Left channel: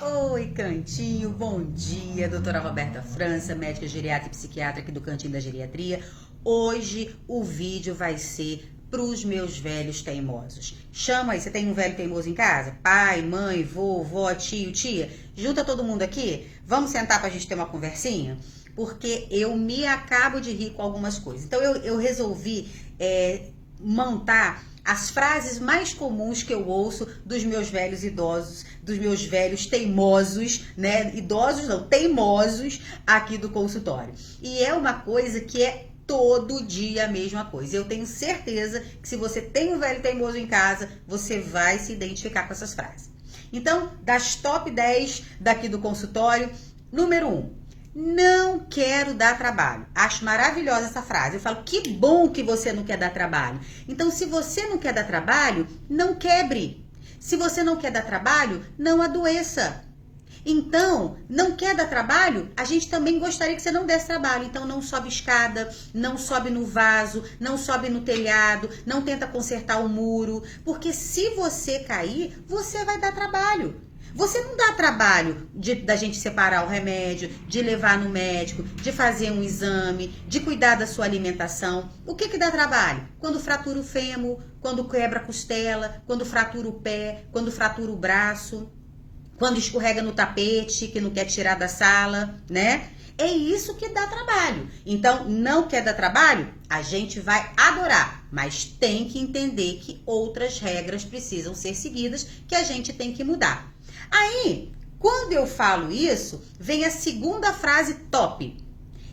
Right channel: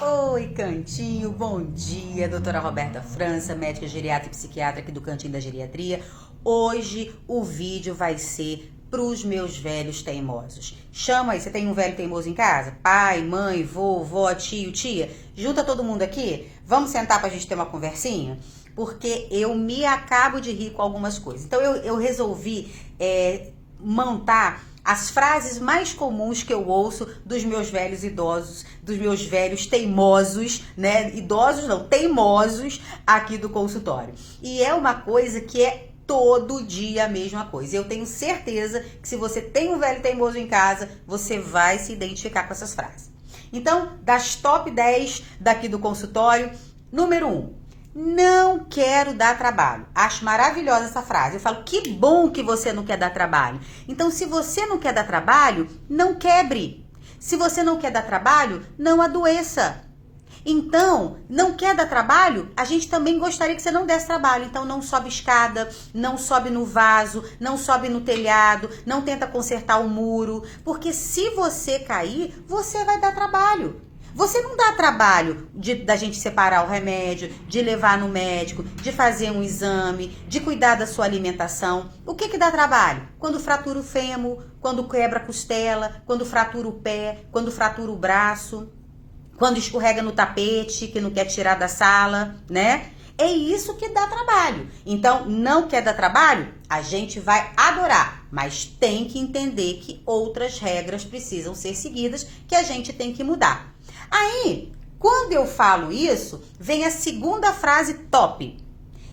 Oi, Cantinho, bom dia, doutora Roberta França, médica geriatra e psiquiatra aqui do Cantinho da Geriatria. Hoje o vídeo vai ser pros meus velhos teimosos. Chama aí, você tem um velho teimoso em casa? Pai, mãe, vô, vó, tio, tia? Junta todo mundo aqui? Vamos sentar pra gente ter uma conversinha? Porque eu me acabo de rir com algumas coisas. Então eu resolvi montar as frases mais comuns que eu ouço dos meus velhos idosos, dos meus velhos teimosos, né? Idosos não, teimosos aqui do consultório. E é uma coisa que é todo dia a mesma coisa. Eu tenho certeza que se você tem um velho teimoso em casa, você vai se identificar com essas frases. Então, das top 10 daqui do consultório, número 1. Não quero dar trabalho. Acho maravilhosa essa frase. Eu falo, que bom que você não quer dar trabalho. Então, se você não quer dar trabalho, não quebre. Se você não quer dar trabalho, não adoeça. Então, não quer dar trabalho? A gente também gostaria que você não desse trabalho. Então, não sobe escada, não sobe no vaso, não sobe no telhado, não tenta consertar o muro. Porque se você cair, você vai dar trabalho. Você não dá trabalho da gente separar o remédio, de levar no médico, de fazer um exame, de cuidar da sua alimentação. O que dá trabalho? Quando fratura o fêmur, quando quebra a costela, quando fratura o pé, quando fratura o braço, quando escorrega no tapete, que não quer tirar da sala, né? É isso que dá trabalho. Então, não quer dar trabalho? A gente vai adorar, mas tem que entender que outras regras precisam ser seguidas, que a gente tem que mudar. Aí, quando eu falo isso, vem a segunda frase top.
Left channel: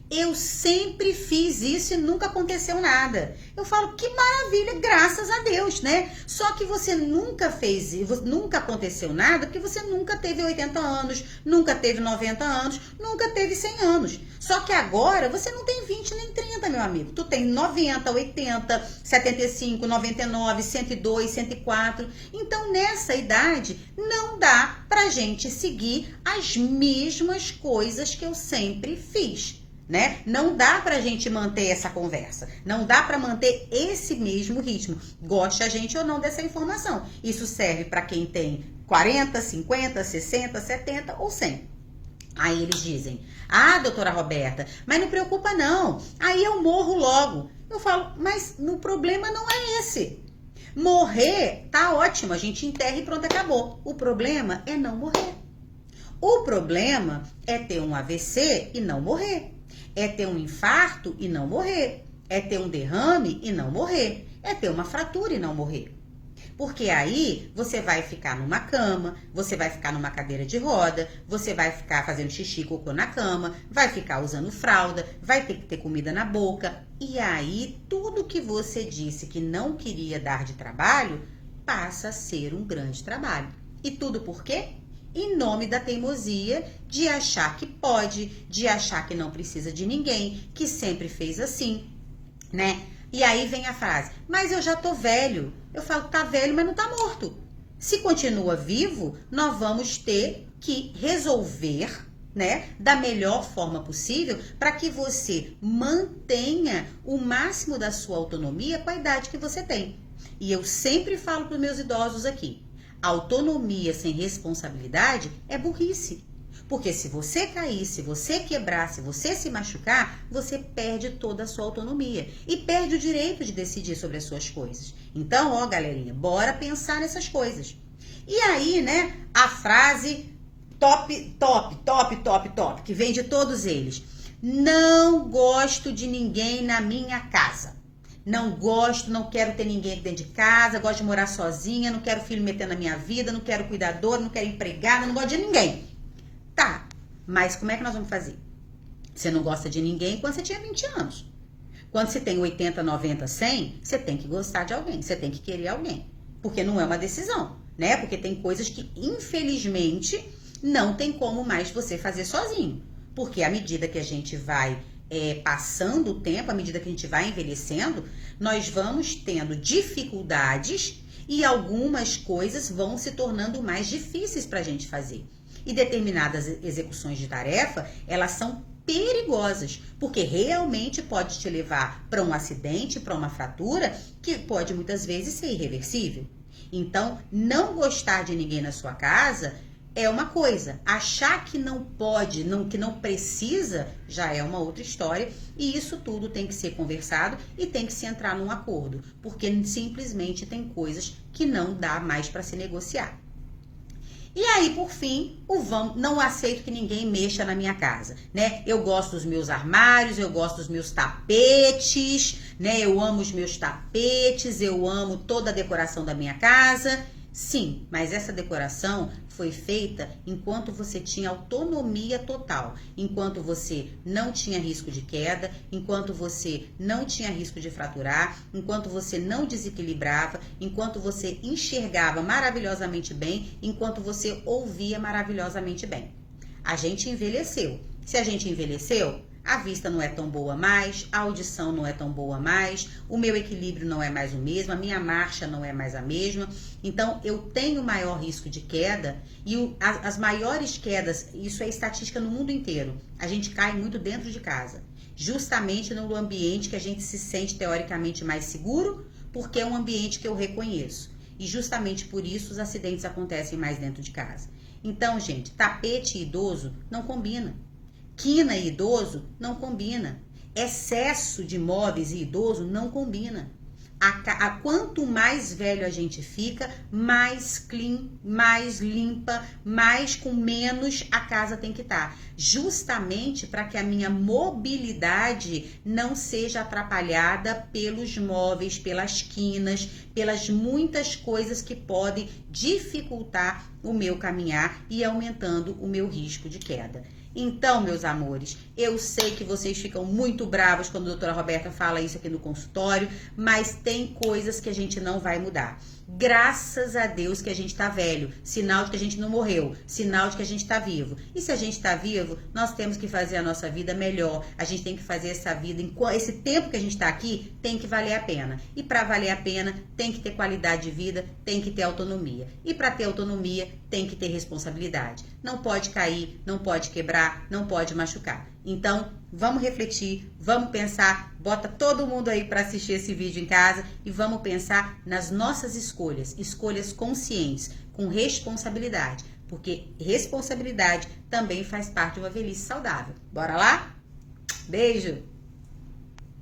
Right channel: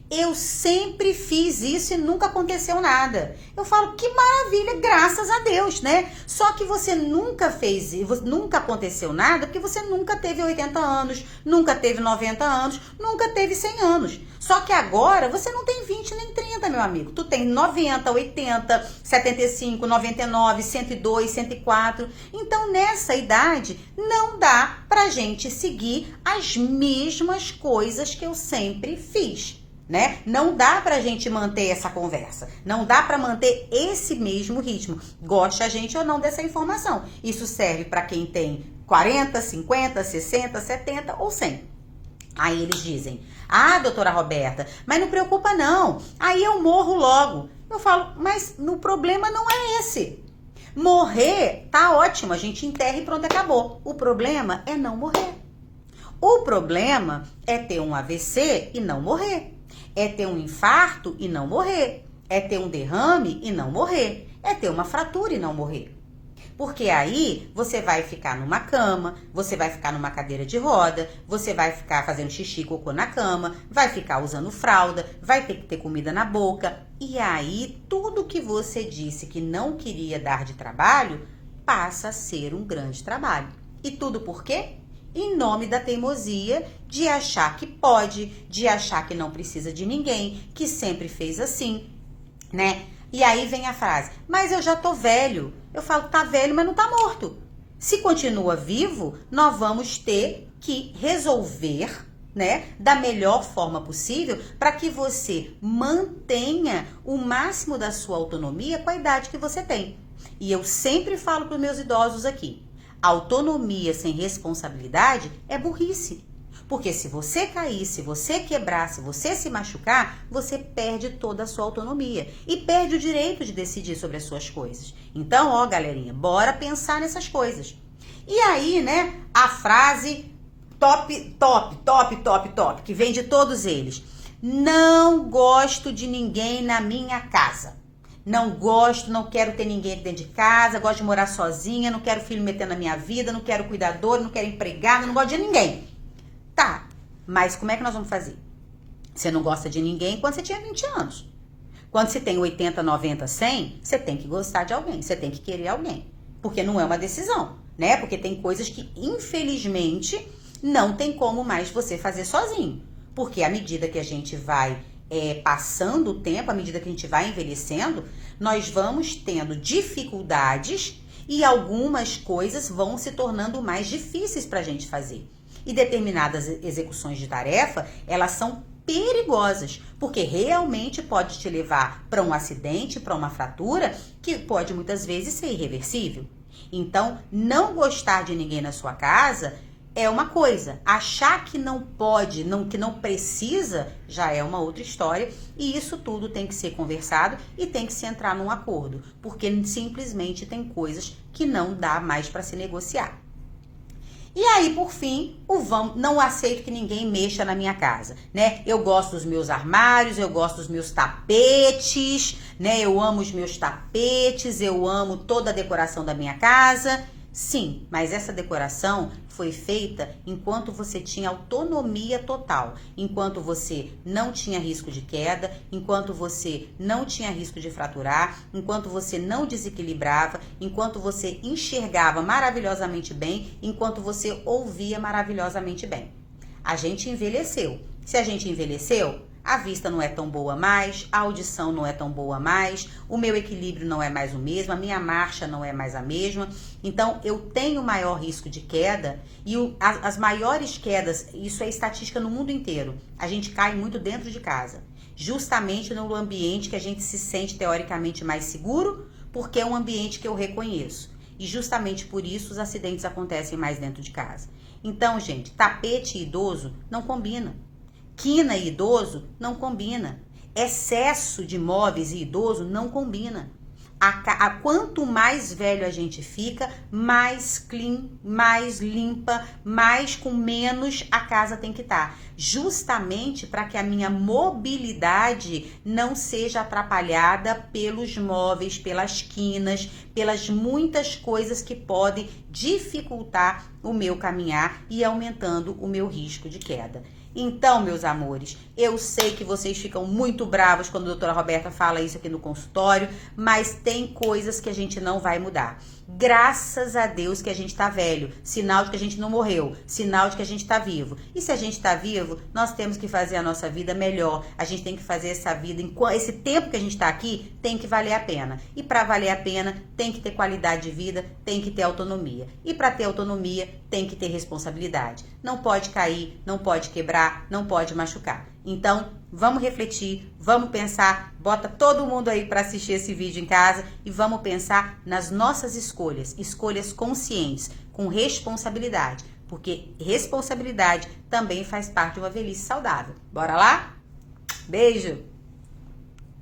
Eu sempre fiz isso e nunca aconteceu nada. Eu falo, que maravilha, graças a Deus, né? Só que você nunca fez isso, nunca aconteceu nada, porque você nunca teve 80 anos, nunca teve 90 anos, nunca teve 100 anos. Só que agora você não tem 20 nem 30, meu amigo. Tu tem 90, 80, 75, 99, 102, 104. Então, nessa idade, não dá pra gente seguir as mesmas coisas que eu sempre fiz. Né? Não dá pra gente manter essa conversa, não dá pra manter esse mesmo ritmo, goste a gente ou não dessa informação. Isso serve pra quem tem 40, 50, 60, 70 ou 100. Aí eles dizem, ah, doutora Roberta, mas não preocupa não, aí eu morro logo. Eu falo, mas o problema não é esse. Morrer tá ótimo, a gente enterra e pronto, acabou. O problema é não morrer. O problema é ter um AVC e não morrer. É ter um infarto e não morrer. É ter um derrame e não morrer. É ter uma fratura e não morrer. Porque aí você vai ficar numa cama, você vai ficar numa cadeira de roda, você vai ficar fazendo xixi e cocô na cama, vai ficar usando fralda, vai ter que ter comida na boca. E aí tudo que você disse que não queria dar de trabalho passa a ser um grande trabalho. E tudo por quê? Em nome da teimosia de achar que pode, de achar que não precisa de ninguém, que sempre fez assim, né? E aí vem a frase, mas eu já tô velho. Eu falo, tá velho, mas não tá morto. Se continua vivo, nós vamos ter que resolver, né, da melhor forma possível para que você mantenha o máximo da sua autonomia com a idade que você tem. E eu sempre falo para os meus idosos aqui, autonomia sem responsabilidade é burrice. Porque se você cair, se você quebrar, se você se machucar, você perde toda a sua autonomia. E perde o direito de decidir sobre as suas coisas. Então, ó, galerinha, bora pensar nessas coisas. E aí, né, a frase top, que vem de todos eles. Não gosto de ninguém na minha casa. Não gosto, não quero ter ninguém aqui dentro de casa, gosto de morar sozinha, não quero filho metendo na minha vida, não quero cuidador, não quero empregada, não gosto de ninguém. Tá, mas como é que nós vamos fazer? Você não gosta de ninguém quando você tinha 20 anos. Quando você tem 80, 90, 100, você tem que gostar de alguém, você tem que querer alguém. Porque não é uma decisão, né? Porque tem coisas que, infelizmente, não tem como mais você fazer sozinho. Porque à medida que a gente vai passando o tempo, à medida que a gente vai envelhecendo, nós vamos tendo dificuldades e algumas coisas vão se tornando mais difíceis para a gente fazer. E determinadas execuções de tarefa, elas são perigosas, porque realmente pode te levar para um acidente, para uma fratura, que pode muitas vezes ser irreversível. Então, não gostar de ninguém na sua casa é uma coisa. Achar que não pode, que não precisa, já é uma outra história. E isso tudo tem que ser conversado e tem que se entrar num acordo. Porque simplesmente tem coisas que não dá mais para se negociar. E aí, por fim, não aceito que ninguém mexa na minha casa, né? Eu gosto dos meus armários, eu gosto dos meus tapetes, né? Eu amo os meus tapetes, eu amo toda a decoração da minha casa. Sim, mas essa decoração foi feita enquanto você tinha autonomia total, enquanto você não tinha risco de queda, enquanto você não tinha risco de fraturar, enquanto você não desequilibrava, enquanto você enxergava maravilhosamente bem, enquanto você ouvia maravilhosamente bem. A gente envelheceu. Se a gente envelheceu, a vista não é tão boa mais, a audição não é tão boa mais, o meu equilíbrio não é mais o mesmo, a minha marcha não é mais a mesma. Então, eu tenho maior risco de queda e as maiores quedas, isso é estatística no mundo inteiro, a gente cai muito dentro de casa. Justamente no ambiente que a gente se sente teoricamente mais seguro, porque é um ambiente que eu reconheço. E justamente por isso os acidentes acontecem mais dentro de casa. Então, gente, tapete idoso não combina. Quina e idoso não combina. Excesso de móveis e idoso não combina. Quanto mais velho a gente fica, mais clean, mais limpa, mais com menos a casa tem que estar. Justamente para que a minha mobilidade não seja atrapalhada pelos móveis, pelas quinas, pelas muitas coisas que podem dificultar o meu caminhar e aumentando o meu risco de queda. Então, meus amores, eu sei que vocês ficam muito bravos quando a doutora Roberta fala isso aqui no consultório, mas tem coisas que a gente não vai mudar. Graças a Deus que a gente tá velho, sinal de que a gente não morreu, sinal de que a gente tá vivo. E se a gente tá vivo, nós temos que fazer a nossa vida melhor. A gente tem que fazer essa vida, esse tempo que a gente tá aqui, tem que valer a pena. E para valer a pena, tem que ter qualidade de vida, tem que ter autonomia. E para ter autonomia, tem que ter responsabilidade. Não pode cair, não pode quebrar, não pode machucar. Então, vamos refletir, vamos pensar, bota todo mundo aí para assistir esse vídeo em casa e vamos pensar nas nossas escolhas conscientes, com responsabilidade, porque responsabilidade também faz parte de uma velhice saudável. Bora lá? Beijo!